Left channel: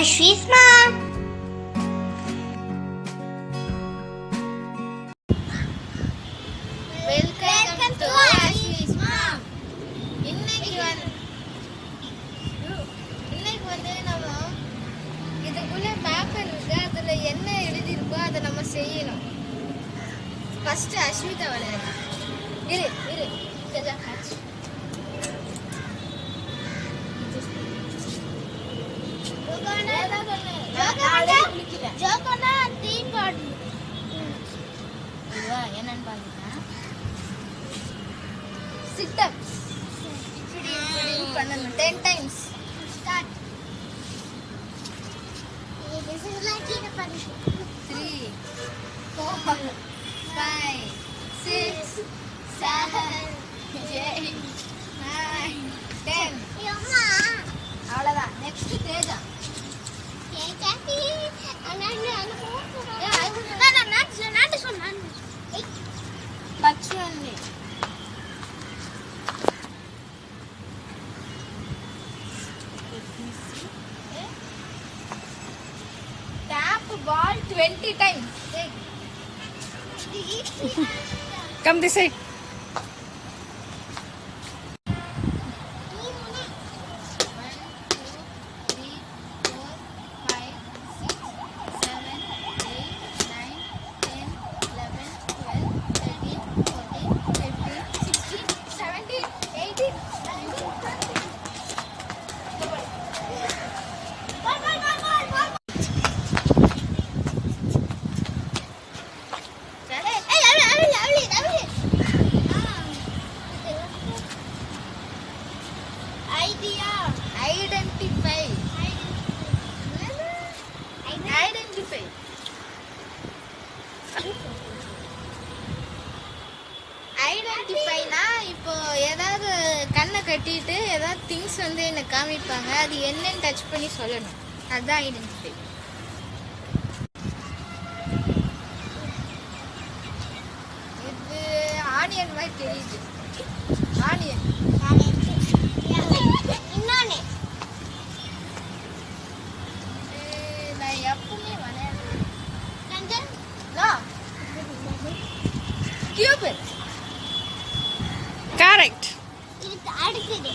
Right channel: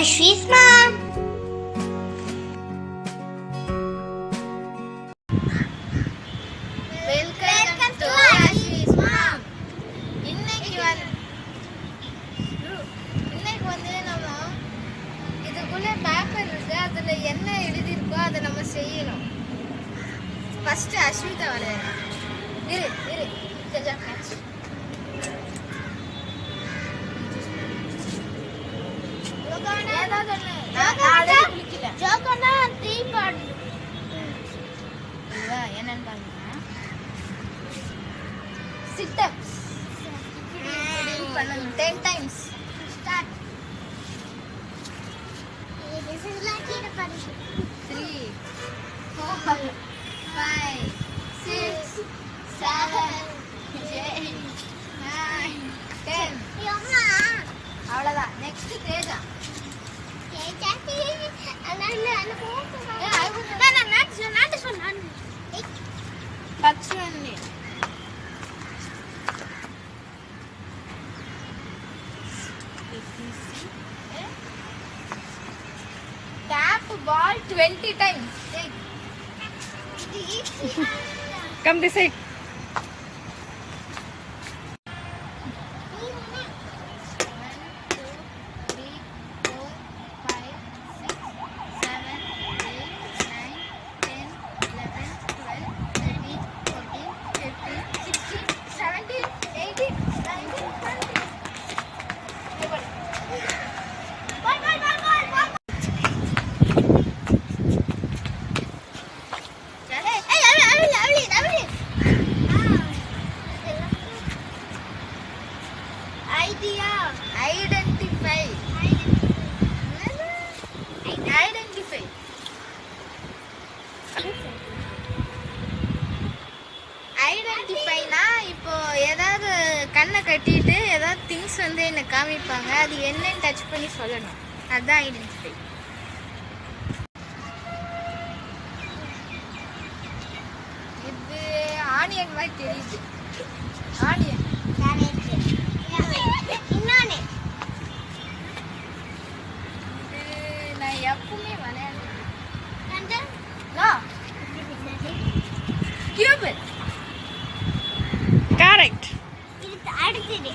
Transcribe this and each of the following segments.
Ashwis mom. Welcome to Ashish mom இன்னைக்கு வந்து இன்னைக்கு வந்து நம்ம இதுக்குள்ள பேப்பர் இருக்கு அதுல என்ன எழுதியிருக்கோ அதை நம்ம செய்யணும் ஃபர்ஸ்ட் அஸ்விதா விளையாடு இரு இரு step. Mm. Ten times. Start. This is like in a punishment. 20 times Come this side. கட்டிட்டு ஏதாவது திங்ஸ் வந்து என்ன காமிப்பாங்க. அது என்னன்னு டச் பண்ணி சொல்லணும். அதுதான் ஐடென்டிஃபை இது ஆனியன் மாதிரி தெரியுது. ஆனியன் இது நான் எப்பவுமே விளையாடுறேன் கியூபர். அடுத்தது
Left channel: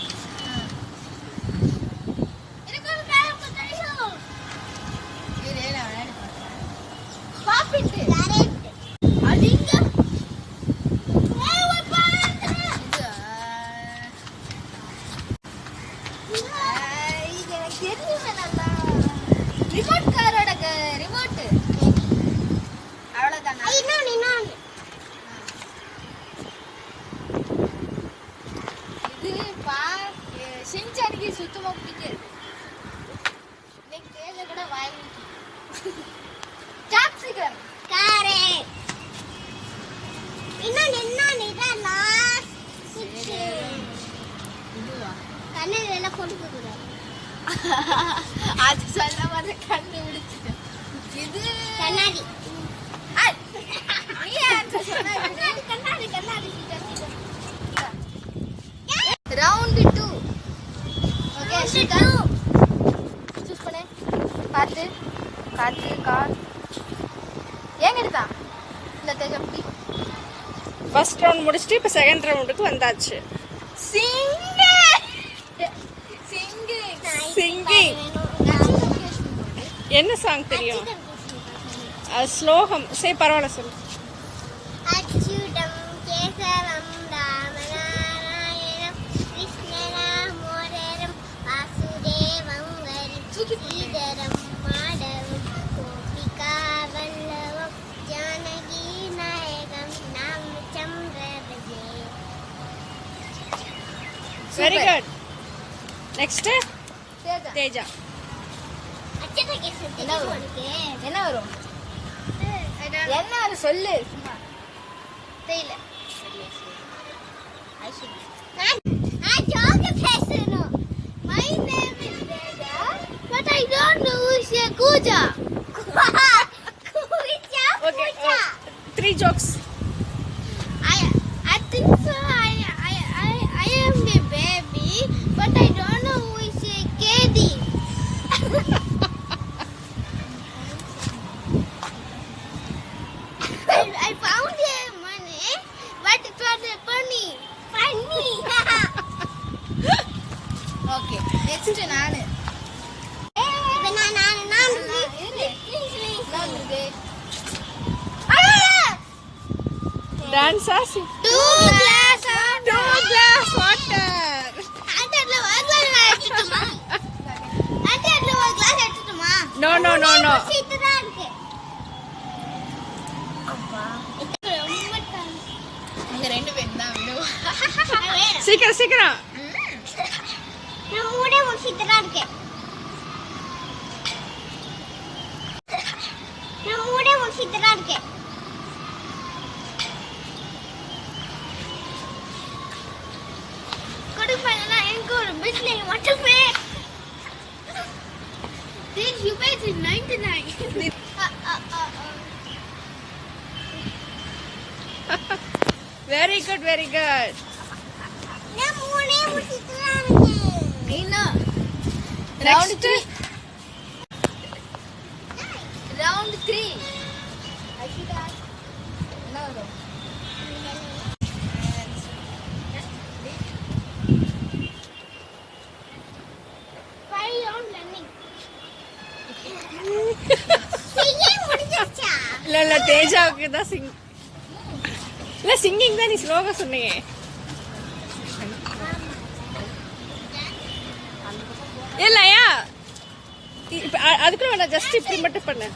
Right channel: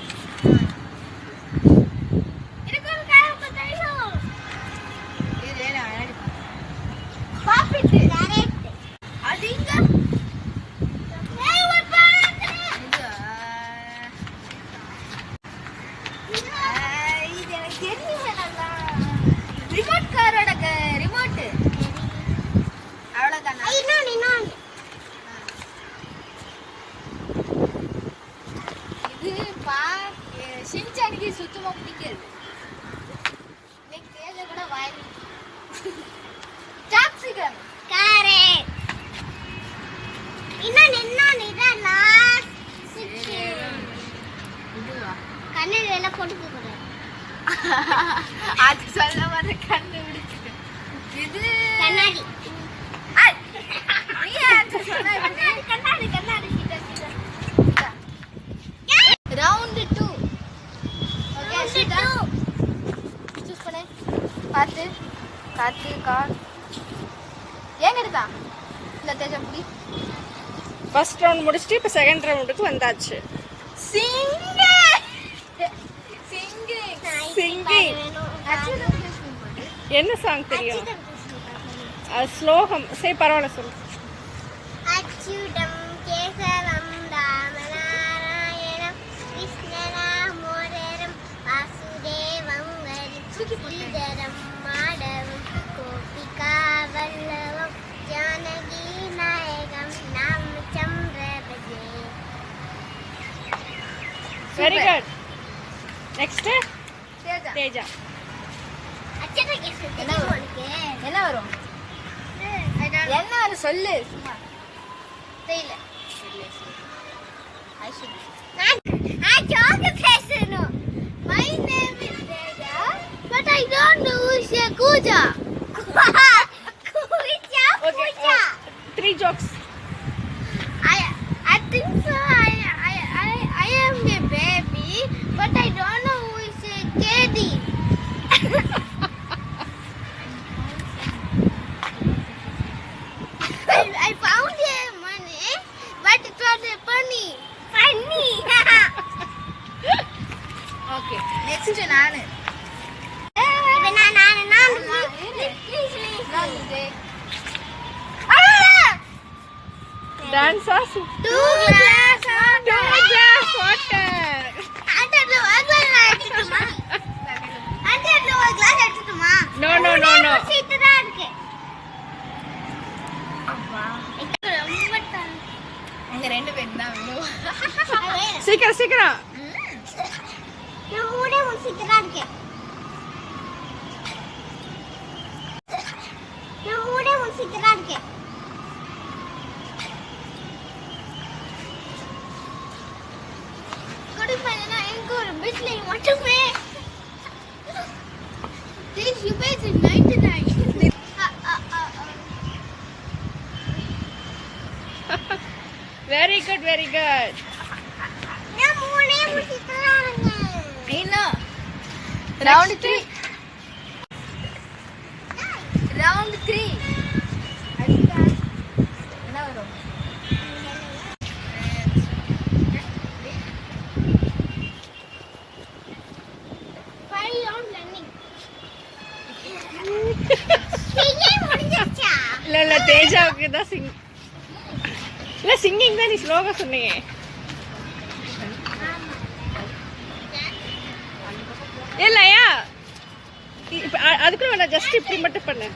புடி ஃபர்ஸ்ட் ரவுண்ட் முடிச்சுட்டு இப்போ செகண்ட் ரவுண்டுக்கு வந்தாச்சு. என்ன சாங் தெரியும்? ஸ்லோகம். சரி பரவாயில்ல சொல்லு. Very good next Teja Teja அச்சனை கேசவம் தெரியும் உனக்கு என்ன வரும் என்ன வரும் சொல்லு சும்மா தெரியல நான் நான் ஜோக்க பேசணும் My name is Veda, but I don't know who's a Kuja. Kuja, okay Kuja. Three jokes I I think so. I I I I am a baby, but I don't know who is KD. I, I found money, it was funny. Funny. okay, next. Dance us. Two glass. Two glass. What? No no no no சீக்கிரம் சீக்கிரம். கொடுப்பாங்க என் ஒரு பிஸ்லை மட்டும் good very good round three round three ഇല്ല ഇല്ല തേജാവുക്ക് ഇതാ സിംഗ് இல்லை சிங்கிங் தான் நீ ஸ்லோகா சொன்னீங்க இல்லையா இப்போ அதுக்குள்ள வேண்டாம் ஜஸ்ட் இப்படி மட்டும் பண்ணு.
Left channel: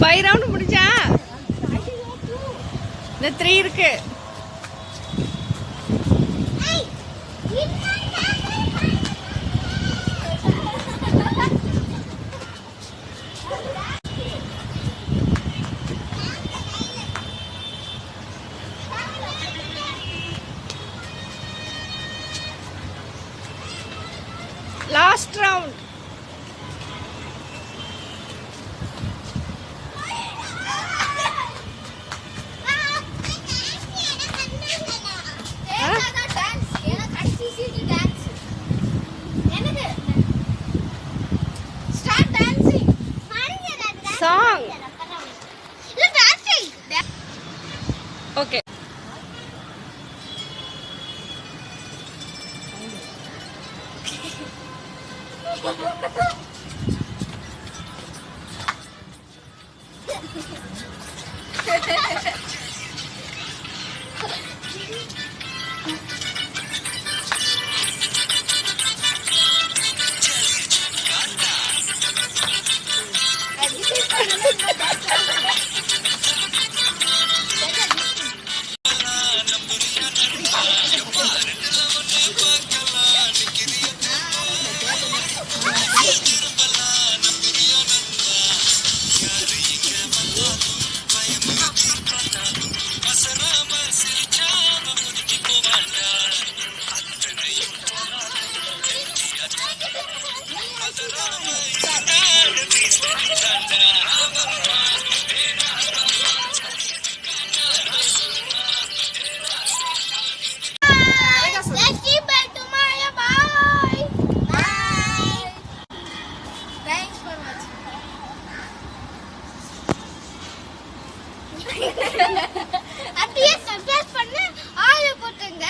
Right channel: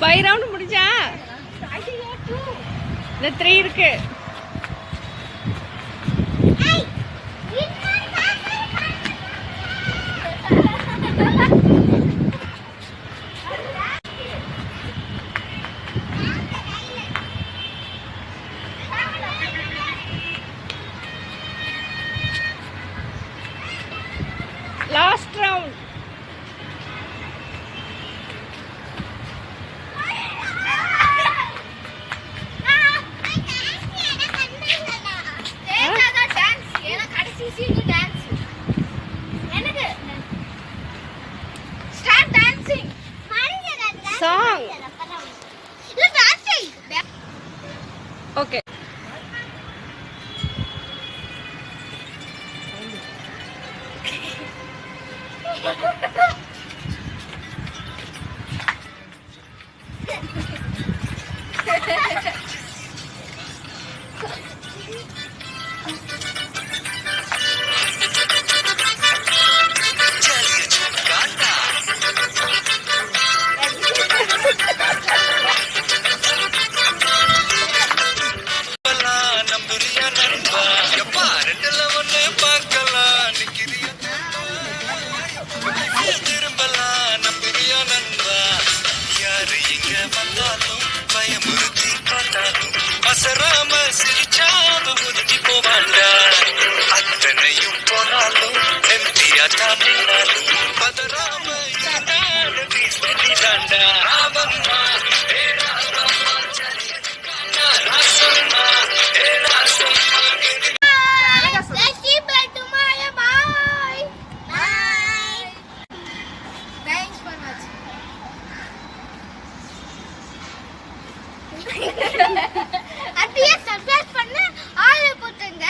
ஃபைவ் ரவுண்டு முடிஞ்சா? இந்த த்ரீ இருக்குது ఓకే Ha ha ha! அப்படியே சர்ப்ரைஸ் பண்ண ஆளு போட்டுங்க.